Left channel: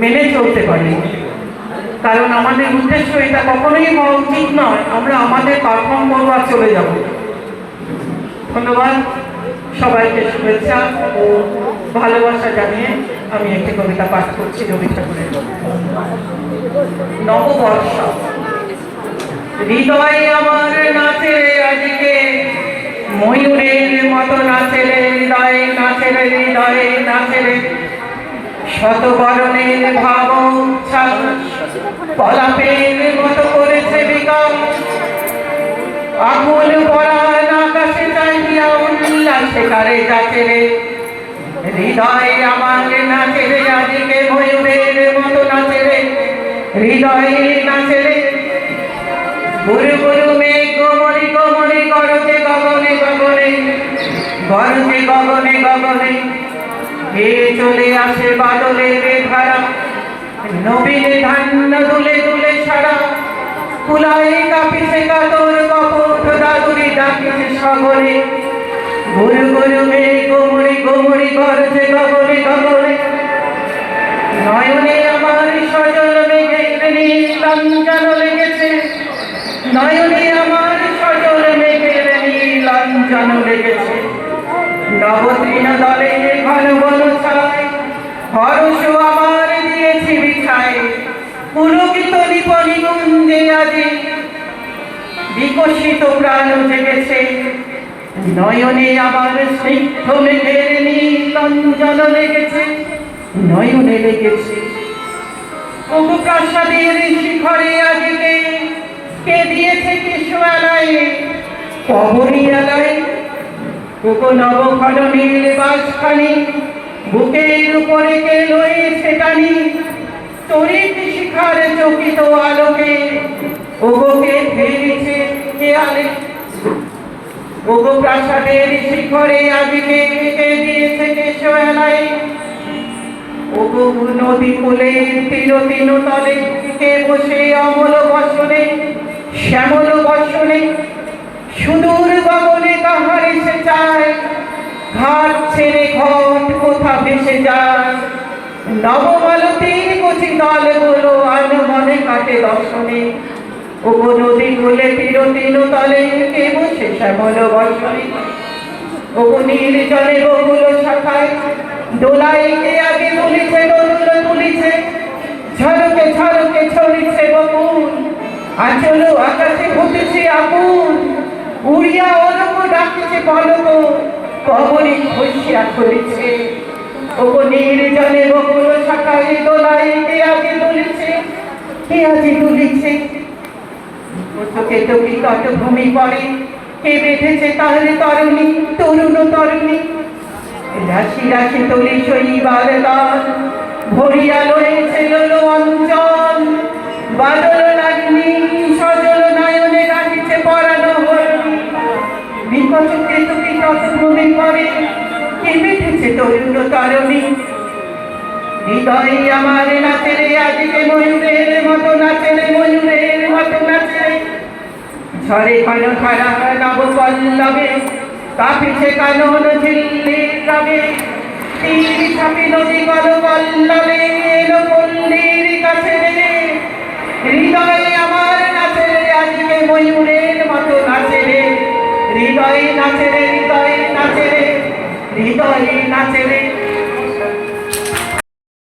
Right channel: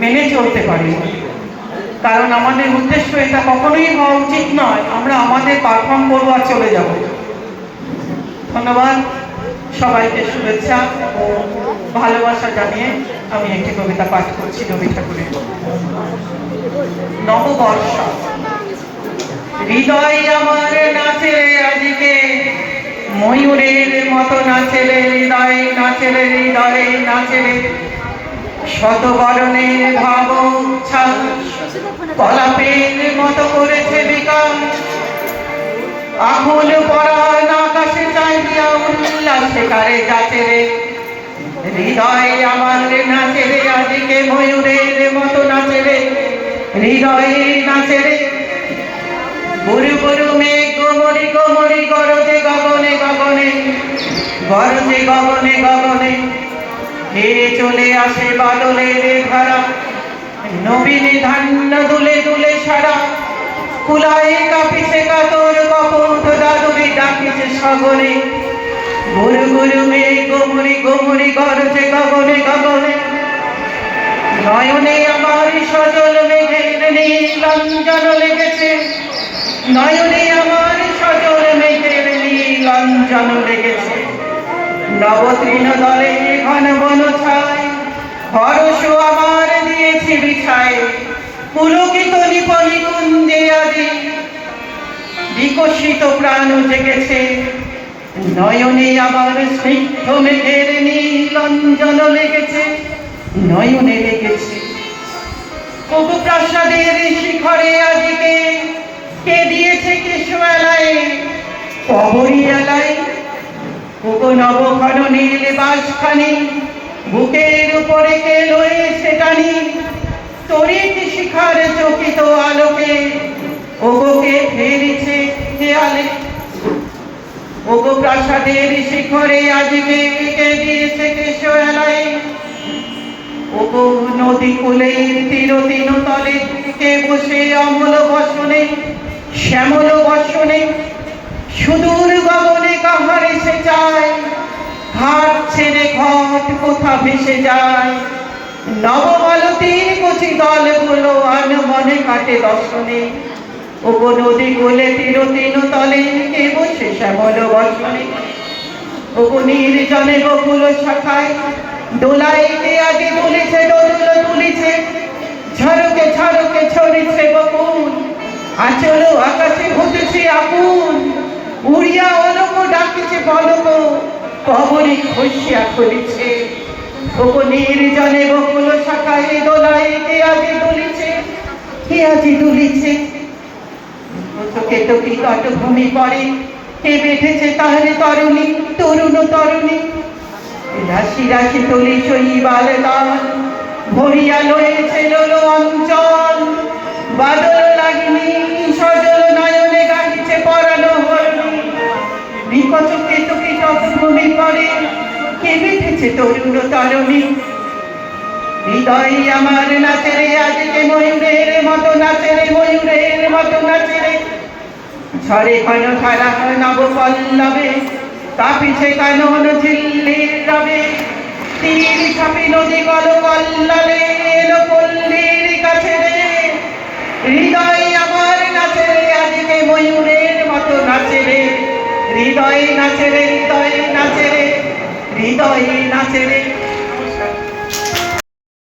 মেনে চলতে পারি। কারণ আমাদের উদ্দেশ্য এটা কখনোই হওয়া উচিত নয়, আমরা আমাদের পারফর্ম করব আর চলে যাব। ধন্যবাদ সবাইকে শুভেচ্ছা ও ভালোবাসা জানিয়ে আমি একটি কবিতা পাঠ করছি রবি ঠাকুরের। নববর্ষ। হৃদয় আমার নাচে আজকে, ময়ূরের মতো নাচে হৃদয় নাচে হৃদয়ে নাচে শতবরণের ভাব কলাপের মতো করেছে বিকাশ আকুল পরাণ আকাশে চাইয়া উল্লাসে কারে যাচ্ছে রে। হৃদয় আমার নাচে রে আজকে ময়ূরের মতো নাচে রে। হৃদয়ে নাচে রে। গুরু গুরু মেঘ, গোমরি গোমরি, গরজে গগনে গগনে, গরজে গগনে গগনে। হে চলে আসে বাদলের ধারা নবীনে ধান্য দুলে দুলে সারা কুলাই কাঁপিছে কাতর কপট দাদুরি ডাকিছে সগরে গুরু গুরু মেঘ গোমরি গোমরি গরজে গগনে গগনে। নয়নে আমার সজল মেঘের নীলাঞ্জন লেগেছে। নয়নে বিকশিত প্রাণ জেগেছে। নয়নে আবার স্নিগ্ধ মেঘের নীলাঞ্জন লেগেছে। নয়নে লেগেছে। তবু প্রাসাদের শিখরে আজকে কে দিয়েছে কিছু এলায় কবরী এলায় কোকো নবঘন নীল বাসখানি বুকের উপরে কে লয়েছে টানি? তরিত শিখার চকিত আলোকে ওগোকে ফেরেছে ওগো প্রাসাদের শিখরে আজকে কে দিয়েছে কেশো এলায় ওগো নদী তীর তিন তলে কে বসে অমল বসনে, শ্যামল বসনে, সুদূর গগনে কাহার এসে যায় ঘাট ছেড়ে ঘট কোথা ভেসে যায়। নবমালতীর কচি দলগুলো আনমনে কাটে দর্শনে। ওগো নদী কোলে তীর তিন তলে কে বসে শ্যামল বসনে। ওগো নির্জনে বকুল শাখায় দোলায় কে আগে বলিছে দোল বলিছে ঝড়কে ঝড়কে ছড়িছে বকুল, আচল আকাশে হতেছে আগুন। উড়িয়া অলক ডাকিছে পলক কবরি খসিয়া খুলিছে ওগো নির্জনে বকুল শাখায় দোলায় কে আগে বলিছে, কে আগে দুলিছে তোকে তোকে তট ভূমি পড়ে কে বেঁধেছে তাহলে তরুণী? তরুণ তরুণী। রাশি রাশি তরি শৈবাল গান ভরিয়া লয়েছে লোল অঞ্চল। বাদল লাগনি, সজল নয়নে গাহিছে পরানো হরণি বিকচকে তুকি তট ভূমি পড়ে কে বেঁধেছে তরুণ হৃদয় আমার নাচে রে আজকে ময়ূরের মতো নাচে রে ময়ূরের মতো নাচে রে ঝরে কানো ধারা নব পল্লবে। কাপিছে কানন ঝিল্লির রবে তীর সামি নদী গল পল্লবে।